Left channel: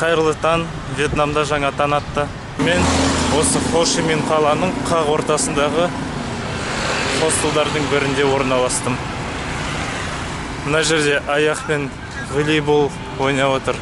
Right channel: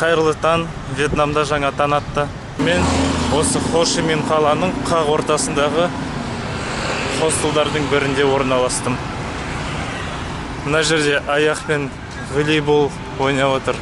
Қайырлы таң, Вьетнамда жаңа таң атты. Мен осы Хо Чи Minh қаланың қақ ортасындағы хостелдардың бірінде орналастым. Мына жерде аяқпен волейбол ойнап отыр.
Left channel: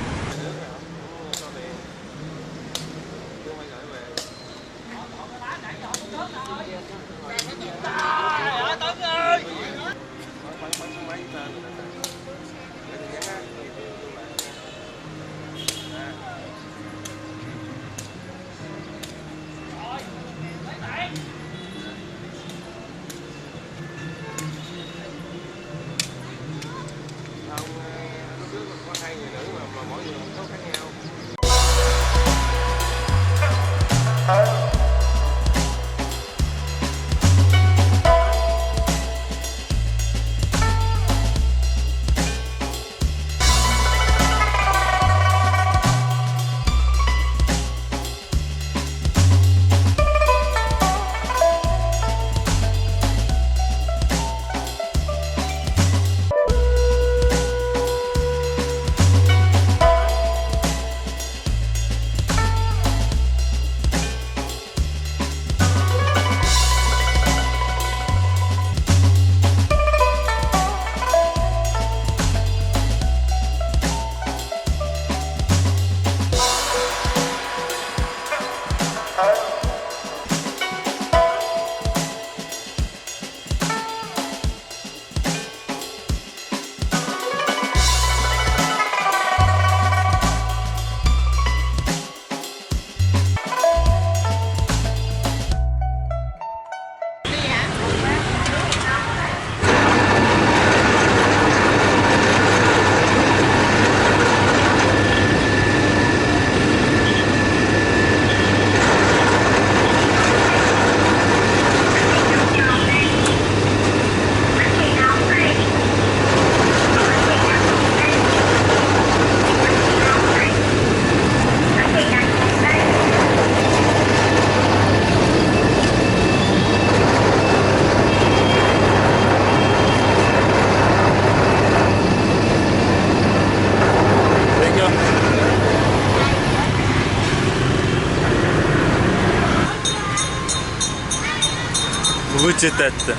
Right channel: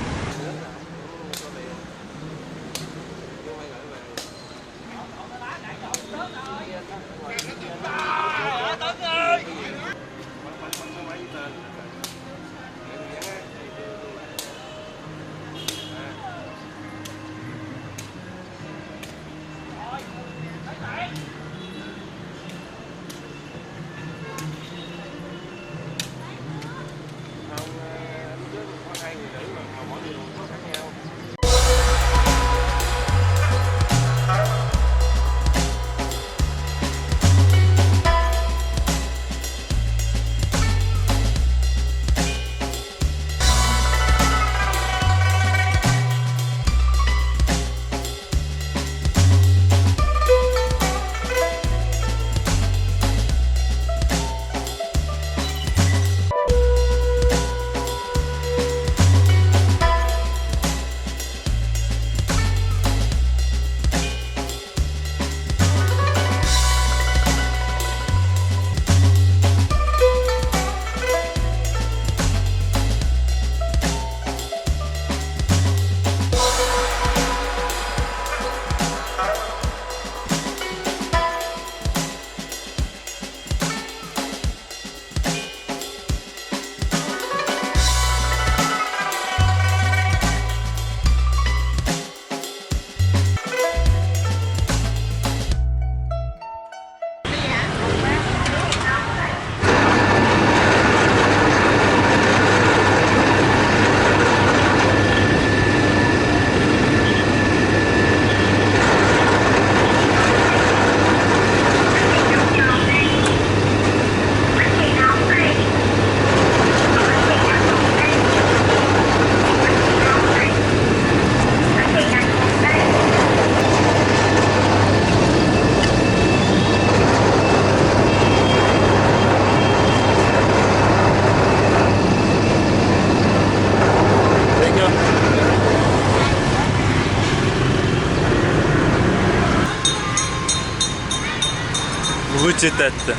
Өте тәтті.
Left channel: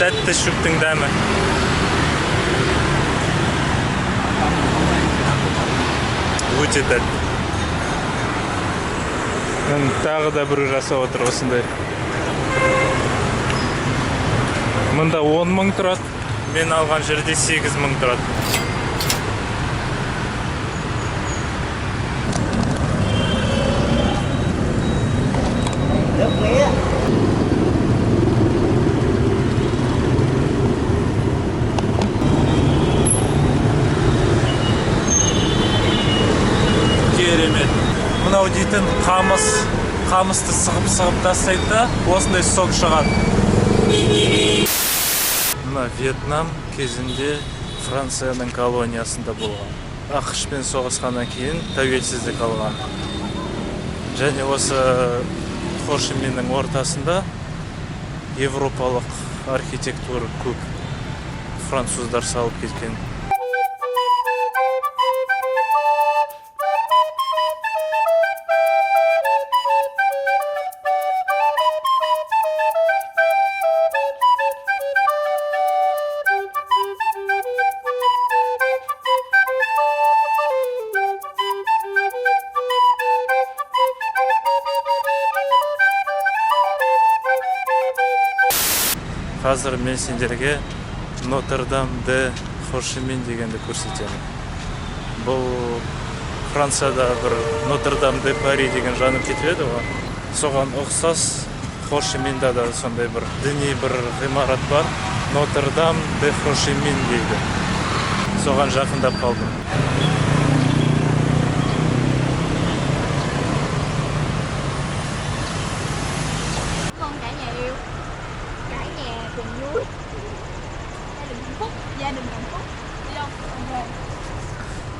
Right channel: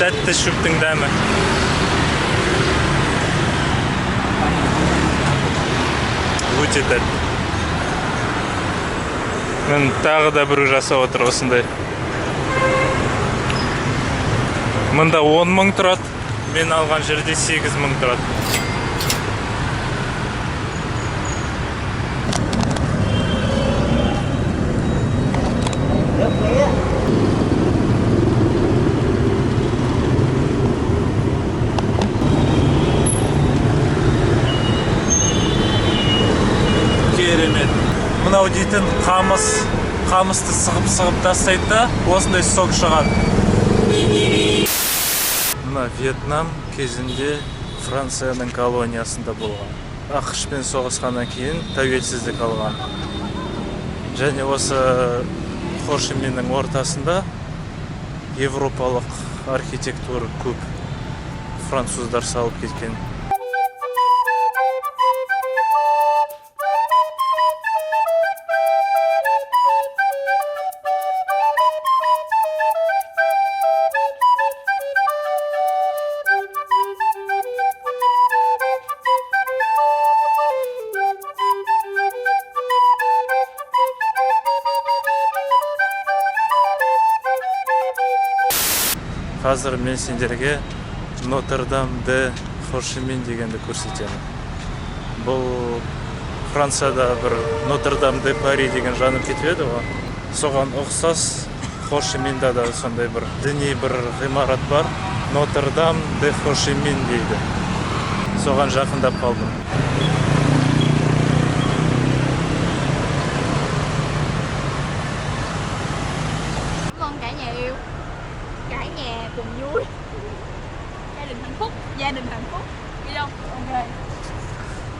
Тәтті шөптің дәмі. Өте тәтті. Мен тағы да бір жасап отыр осындай. Мұнда 10 мың тұрады. Мен алған жерде 8 мың тұрады. Мынау дейтін қамысты сығып тастайды да, осындай сок шығады. Мына Вьетнам кезінде Францияның колониясында болған. ақш-пен соғысқаннан кейін тәуелсіздік алған. Және осы Хо Чи Миньнің ортасында европалық архитектура көп. Француздар салып кеткен. Қазір мен сендерге Нотр-Дам де Хо Чи Minh дегенді көрсетемін. Бұл Францияда бір Нотр-Дам де Пари деген жанып кетіп еді ғой. Соған ұқсас Хо Чи Minh'да да сондай бір діни бір ғимарат бар. Нотр-Дам де Хо Чи Minh дейді. Соған жақындап қалдым.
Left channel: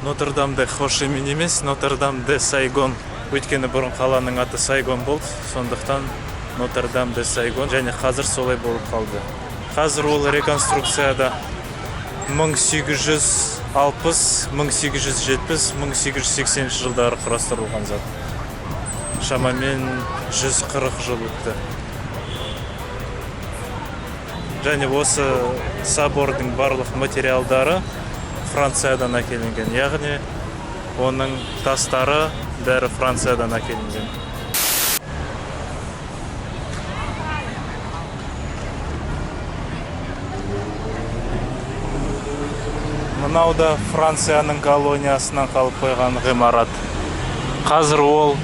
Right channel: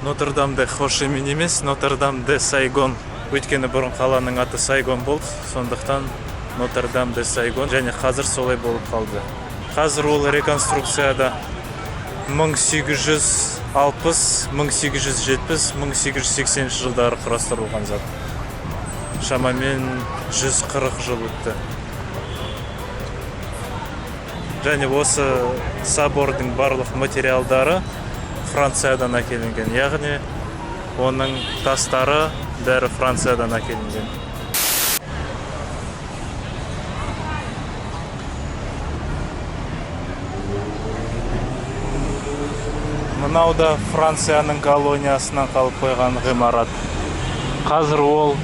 Нотр-Дам де Хо Чи Minh емес, Нотр-Дам де Сайгон. Өйткені бұрын қаланың аты Сайгон болды, сондықтан Нотр-Дам де Сайгон, және қазір солай болып қалды. Қазір ол реконструкцияда. 1860, 1870, 1880 жылдары құрастырылған зат. Шамамен 140 жыл өтті. Және осы собордың барлық материалдары Франциядан әкелінген, яғни оның тастары бәрі Франциядан әкелінген. Мынау да Францияның колониясынан қалып қойған ғимарат. Қазір ол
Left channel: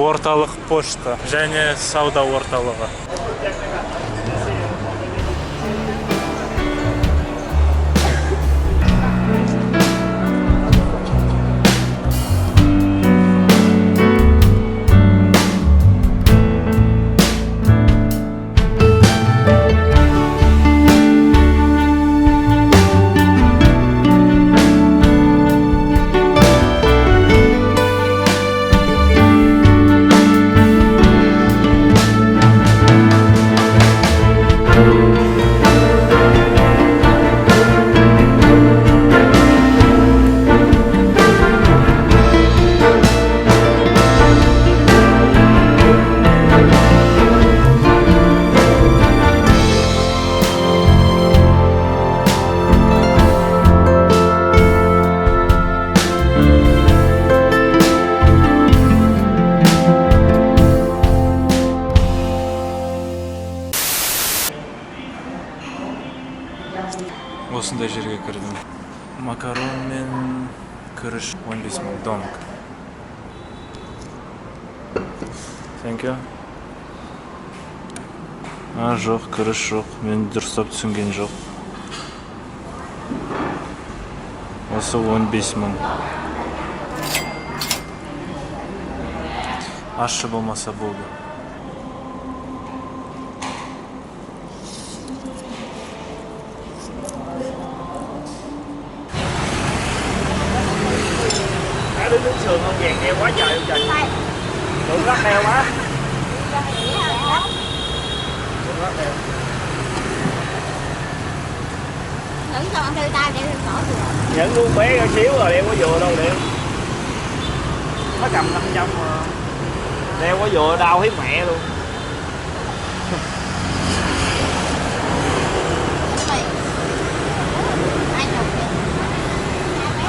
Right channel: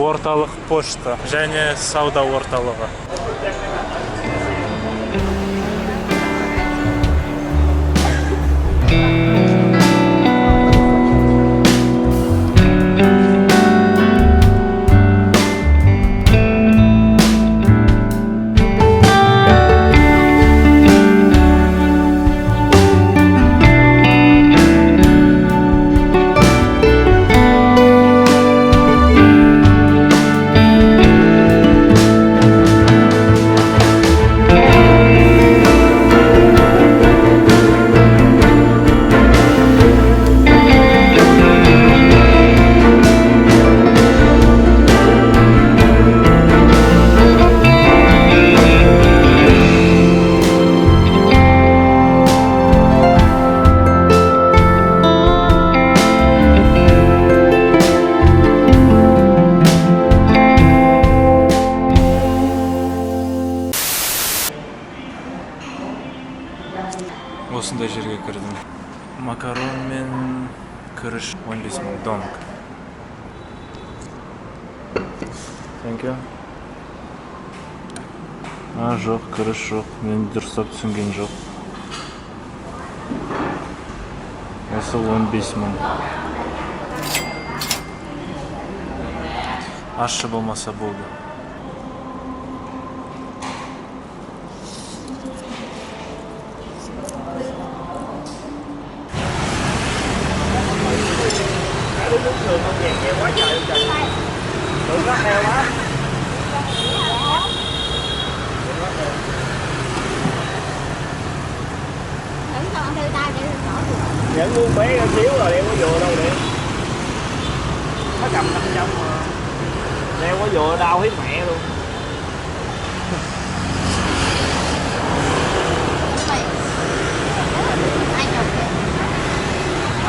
орталық пошта және сауда орталығы. Осындай жерге кірдім. Макарон мен күріш 15.000 донг. Thank you. Жоқ, күріш жоқ. Мен дұрыстап түсінген жоқ. Осы 15.000. Ащы болмаса болды. Nước sườn không vàng heo quá trời luôn trời. Đừng rắc heo quá. Thử cho ăn tươi tay để được bỏ được. Nhẫn muốn bé ra xíu rồi đeo có vừa đâu đi. Nó cầm 500 mà. Đeo có vừa đau hết mẹ luôn. Ai chụp kìa.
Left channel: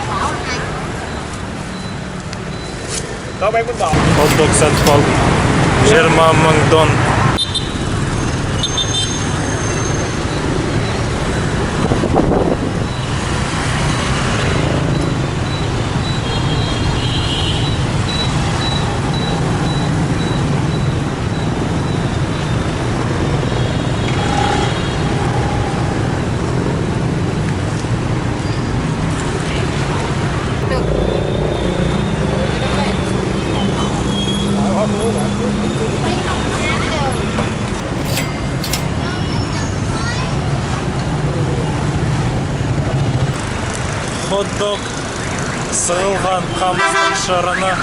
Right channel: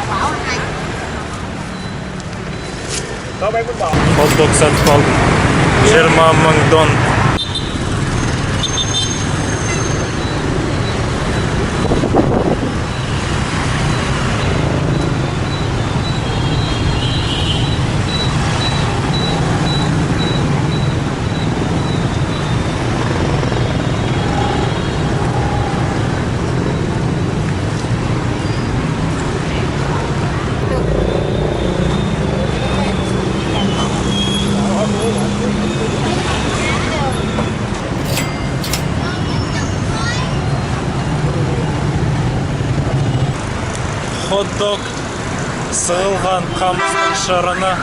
Bảo anh. Có bán bánh bò. Hot-dog сатып алдым. 20.000 дон. Hot-dog сығылған қамыстың шырыны.